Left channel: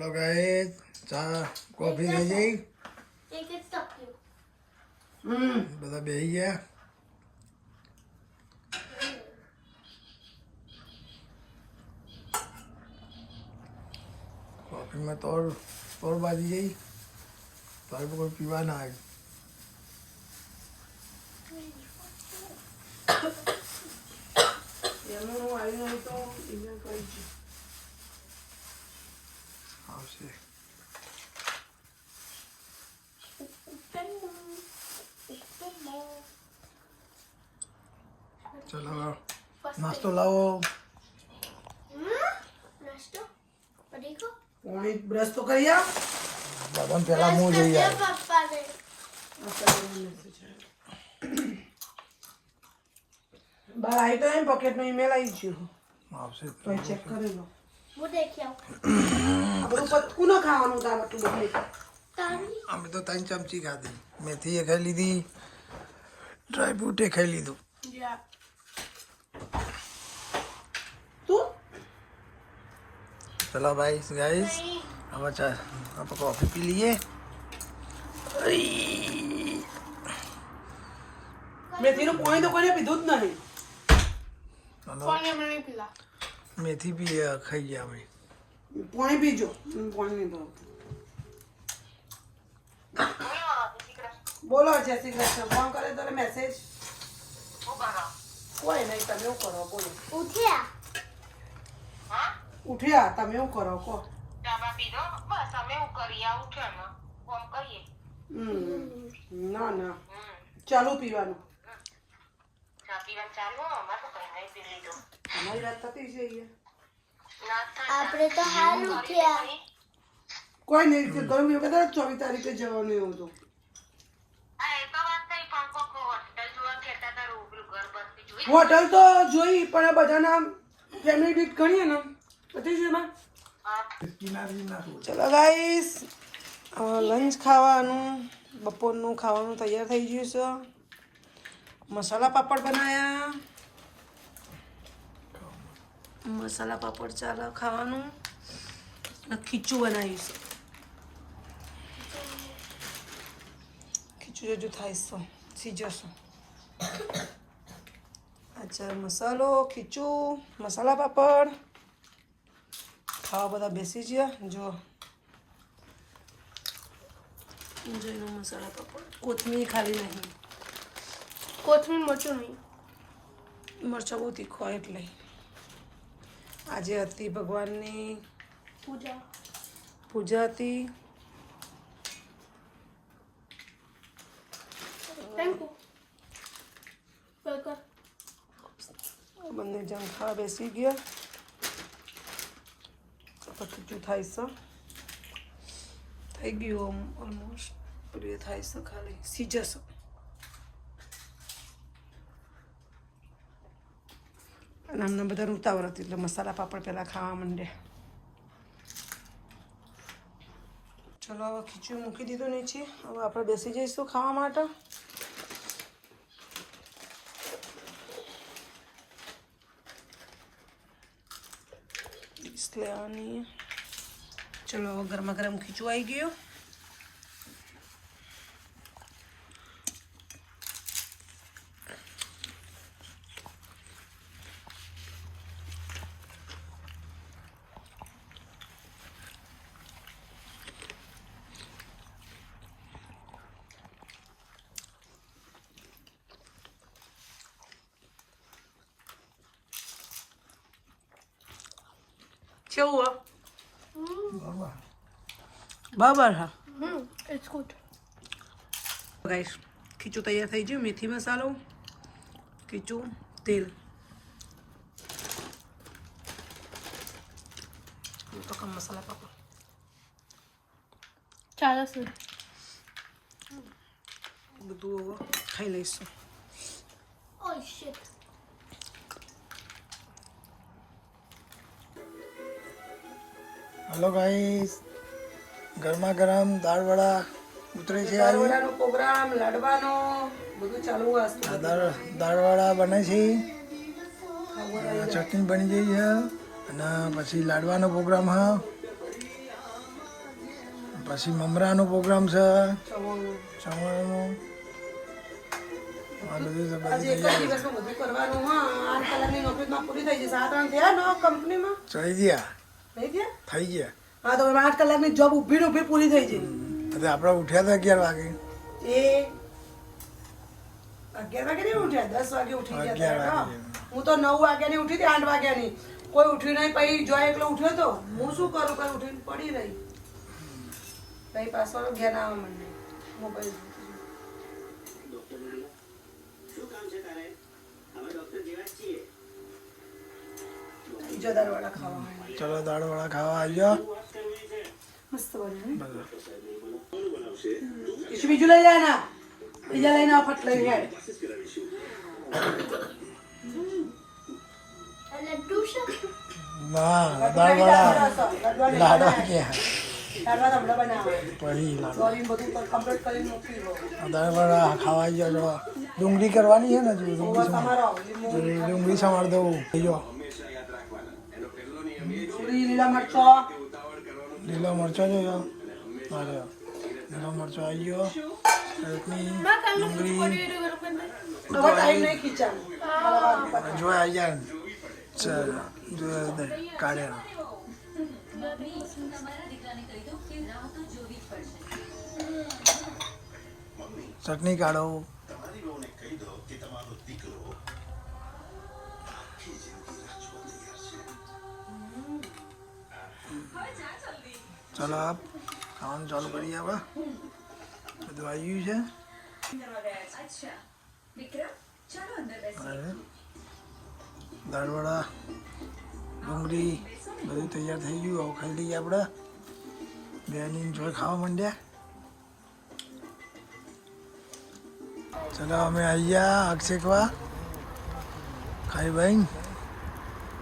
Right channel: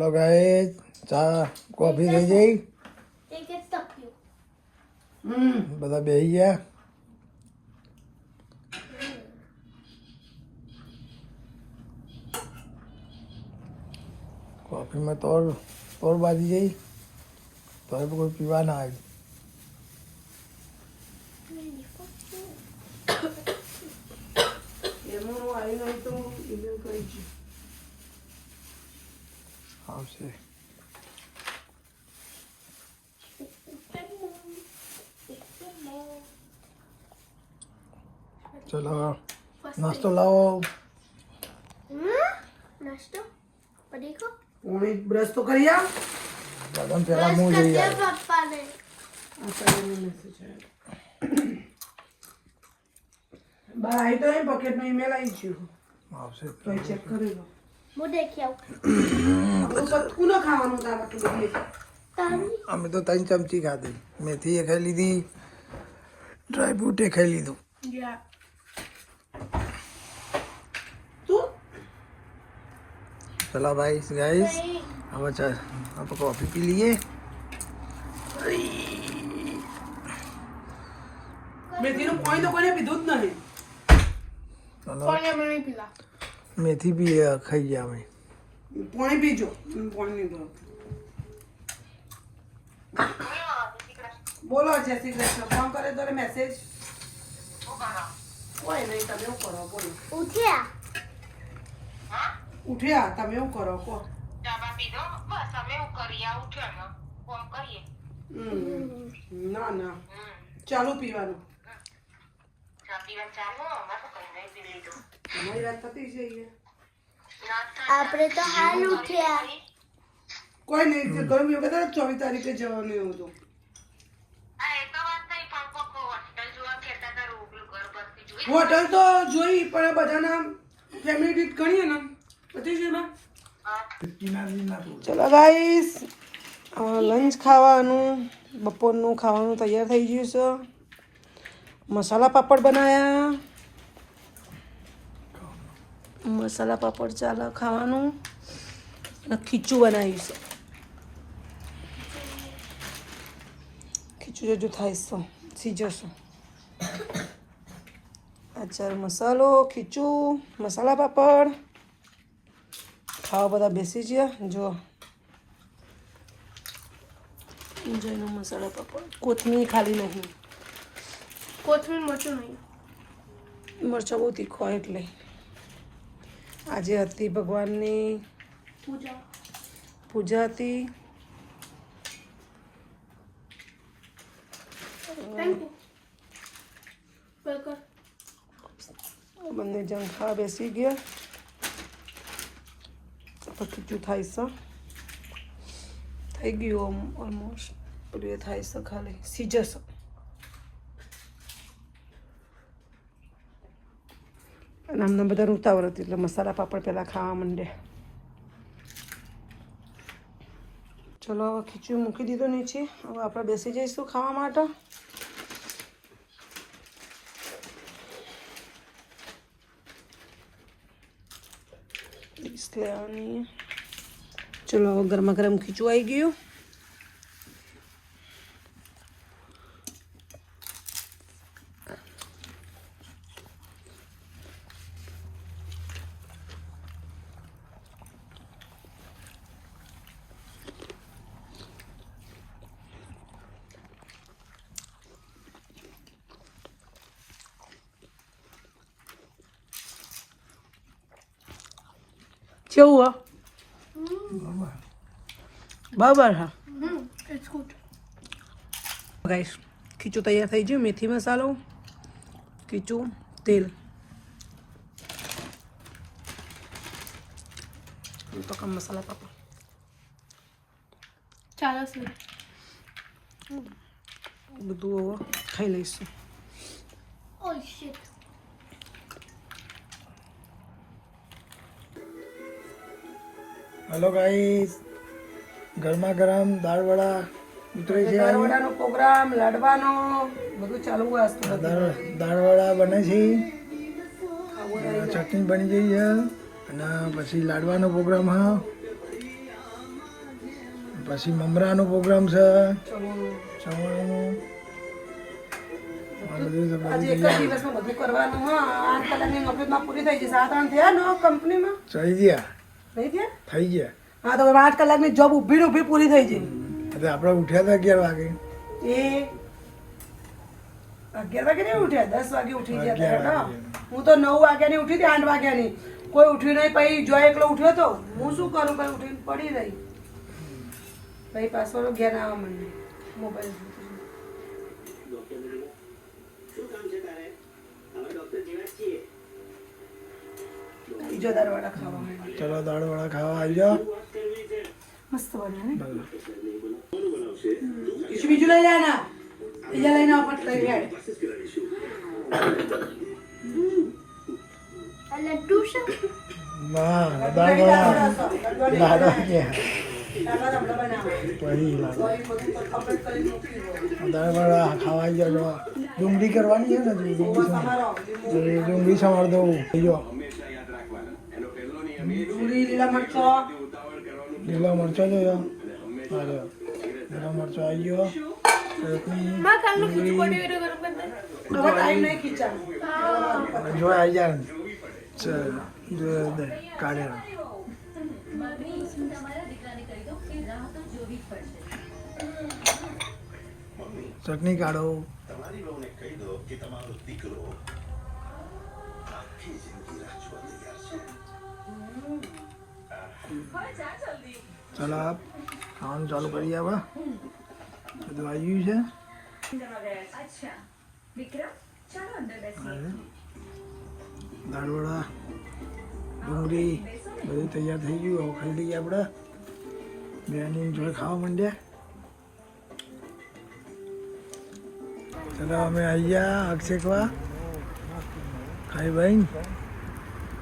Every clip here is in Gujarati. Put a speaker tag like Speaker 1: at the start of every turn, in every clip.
Speaker 1: હલો ગાય ચા કોફી થઈ જઈ
Speaker 2: એક જ તપ્યું
Speaker 3: હમ
Speaker 1: બધા બેસી ગયા કોફીમાં તોડ તોડ બાજી જઈ તો એ કોઈ પીવા ના આવ્યું
Speaker 3: એમાં આવી નહીં તો એ કરી છે
Speaker 1: આવશે ચલો નાસ્તો લાવો
Speaker 2: નાસ્તો પડીકો
Speaker 3: પૂણી બ્રશ તો કરી આવ
Speaker 1: બધાને પહેલા હું જઈ આવ્યો
Speaker 2: પપ્પાને
Speaker 3: આ ચાલેનો મેસેજ આવ્યો. બા આવી તો એમ પોકેટમાં ઈમેલ આવી છે
Speaker 1: આવશે
Speaker 3: મેં ચેક કરી લો
Speaker 2: હું દેખી આવું
Speaker 3: આપણું પતકું ન ખાવાનું તારા તું ગમે તે.
Speaker 2: તારી
Speaker 1: અમે તો ત્રણ ચમચી ખાધી મેથી એ ખાઈ લીધી ડ્રાય ફ્રૂટ એ ખાઈ લીધું
Speaker 3: તું
Speaker 1: પેલા ભાઈ ગાઈસ હવે ચા આપણે કોફી પી લઈએ
Speaker 3: મેથીનું પાણી તો કોઈને પીધું જ નહીં
Speaker 1: ચલો મેથી બી ખાઈ ગયા અમે.
Speaker 3: પાણી પીજો. પાણી નહીં બોલો જય શ્રી કૃષ્ણ. ફોન કરે તો મેસેજ કોઈ નહીં તમે એવું કરો બોલો.
Speaker 2: ઉઠ્યા?
Speaker 3: ઉઠ્યા તમે એવું કરો કો હમ. ના ના. ચાલુ પીવાનું. અમારી વાત થતી છે અહીંયા.
Speaker 2: આપણે તો હાલ ઉઠ્યા.
Speaker 3: કોઈ નહીં ગરમ એવું ચોવીસ તારીખે જવાનું એવું હતું. હોટલ તો જોઈ પણ બધાના ફેમિલી ટ્રીપ ગણીએ ને પતી છે ને ચલો ગાઈસ લંચ ખાવાનું બપોરનું ખાવાનું તૈયાર થઈ ગયું છે. મસાલા પાપડ બનાયા. મસાલા પાપડ ચાલે ખાવાનું. ખીચું બનાવીશ. ખીચું જજુ છે સીજશે અચાર મસાલો ખીચું મસાલા પાપડ. ખાવા બધા બેસી ગયા જો. જઈનો મસાલા પાપડ. કોથમીર ખાલી નહીં.
Speaker 2: કોથમીર મરચું નહીં.
Speaker 3: મરચાં બહુ તીખો એટલે. આજે હતી ભગવાનની
Speaker 2: પૂજા.
Speaker 3: પૂજા હતી.
Speaker 2: થેન્ક યુ કર
Speaker 3: બંને જણ ખાવા બેસી ગયા. તો ખીચું થાય છે. થઈ ગયું ઓલમોસ્ટ પેલું એ થાય છે ખાલી. સીજસ અને અમને બધા ઉતાવળ હતી એટલે મસાલા પાપડ પહેલાં ખાવા માંડ્યા ચલો હવે ખીચું મૂકી દીધું નીચે. હવે આપણે બેસી જઈશું ખાવા માટે. ચલો હવે ગરમા ગરમ ખીચું આવી ગયું. કેવું હા બરાબર હા
Speaker 2: હમ ઇટ્સ ગુડ
Speaker 3: ગાઈશ ખીચું તૈયાર થઈ ગયું મેથી મસાલો ખીચું તેલ તો કમ મસાલા પાપા
Speaker 2: ચાલો સર
Speaker 3: બધું હવે ખાઈ લઈશું
Speaker 2: ઓ શિટ
Speaker 1: હલો ગાઈસ ગરમા ગરમ દાળ વડા ઉતરે છે
Speaker 3: દાળવડાનો પ્રોગ્રામ લાડવાનો બધું ચાલુ હોય આજથી
Speaker 1: દાળ દાળ વડા બને છે. ચટણી બની ગઈ છે. અને પછી લાડવાનો પ્રોગ્રામ હા પછી મમરાનો પ્રોગ્રામ છે. સવારનો ચડી ગયા.
Speaker 3: થઈ ગયા
Speaker 1: થઈ ગયા.
Speaker 3: હા તો આઠ કલાકની જોબ ઊભી ને ઊભી પૂરી થઈ ગઈ
Speaker 1: એટલે આપણે ઉઠ્યા હતા અગિયાર વાગે.
Speaker 3: એ અગિયાર વાગે નહીં ઉઠ્યા? દસ વાગે ઉઠી ગયા હું. તો નવ વાગ્યાની ઉઠી હતી આઠ વાગ્યાની. કોઈ ઉઠ્યું નહીં પછી જો એકલો ઉઠ્યો તો હું શું કરું? કઈ ઉઠીને પડી રહી. પછી પાછો ઘેર આવવા મને મોબાઈલ બીજો દારવાડા ખાવા માંડ્યા.
Speaker 1: ચલો દાળવાળા ખાવા આવી જાઓ
Speaker 3: મસ્ત બને ને
Speaker 1: ભલે.
Speaker 3: બીજું બીજું લઈ જાય ના બીજા લઈને આવો ફટ લઈ જાય
Speaker 2: And then two shot.
Speaker 1: ના દાળવાળા લાડવા ક્યાં
Speaker 3: દારવાડા બધા બનાવો.
Speaker 1: પડી લાડવા
Speaker 3: તો એ બધું તો કમ્પ્લીટ કરી મૂકી દો.
Speaker 1: દાળવાળા ખાવા આવી જાઓ જો ડુંગળી કરવાની છે ને હજુ ડુંગળી સમાર
Speaker 3: તમારો લીલું-
Speaker 1: ડુંગળી સમાર દઉં થઈ જાઓ
Speaker 3: ડુંગળી, લીલા મરચો.
Speaker 1: લીલો મરચો જોયો હા જો લીલો મરચો આવી ગયો. ચટણી જો આવી જાય જો કાઢ્યા ચટણી કાઢો. ચાલો આપ ખાવાનું ચાલુ કરીએ આવા બધું આવી ગયું છે દાળવડા ડુંગળી બધું તૈયાર થઈ ગયું હવે ખાઈ લઈએ આપણે બેની જોડે ખાવા માંડ્યા ચલો અમે આવી ગયા શેકવા ખાઈ ભાઈ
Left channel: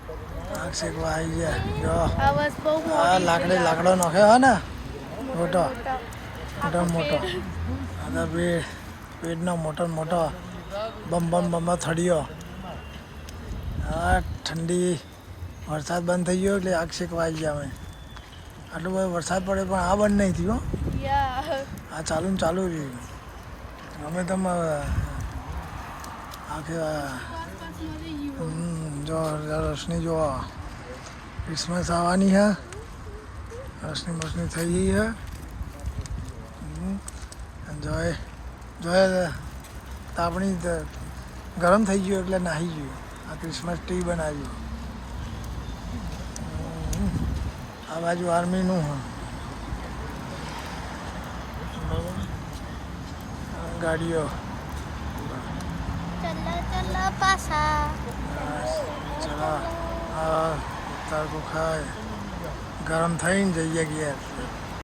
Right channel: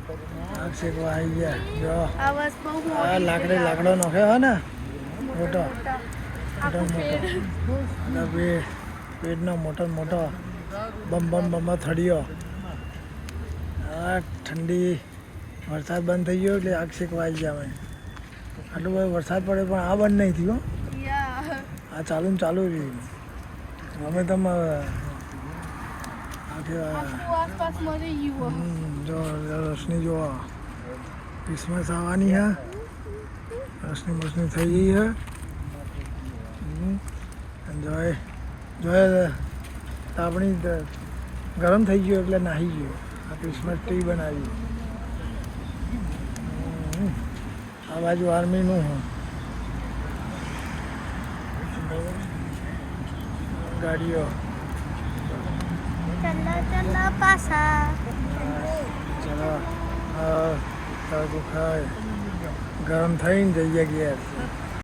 Speaker 1: આગ શેકવા આવી ગયા. જો. આ લાકડી લાકડો નોખ્યો હે ને. મોટો. મોટો. મોટો અને તો પેટ મોટો મોટો. બમ બમ બમ થડિયો. આ ઠંડી વરસાદ બંધ થઈ ગયો એટલે આગ શેકવા આવી ગયા અમે. આટલું બધું વરસાદ પડે પણ આ બંધ નહીં થયો આ ચાલુ ને ચાલુ રહ્યું. અમે તમે જો રોશની જો ક્રિસમસ આવવાની હે. રોશની મોશની થઈ ગઈ હે. જોય જોય તાપણી ગરમ થઈ ગયું એટલે નાહી ગયું. આ ક્રિસમસ ટ્રી બનાવ્યું. આ બાજુ આર્મીનું હા. ગાડીઓ. ચલા આ તડકો ખાય ગરમ થઈને જઈએ ઘેર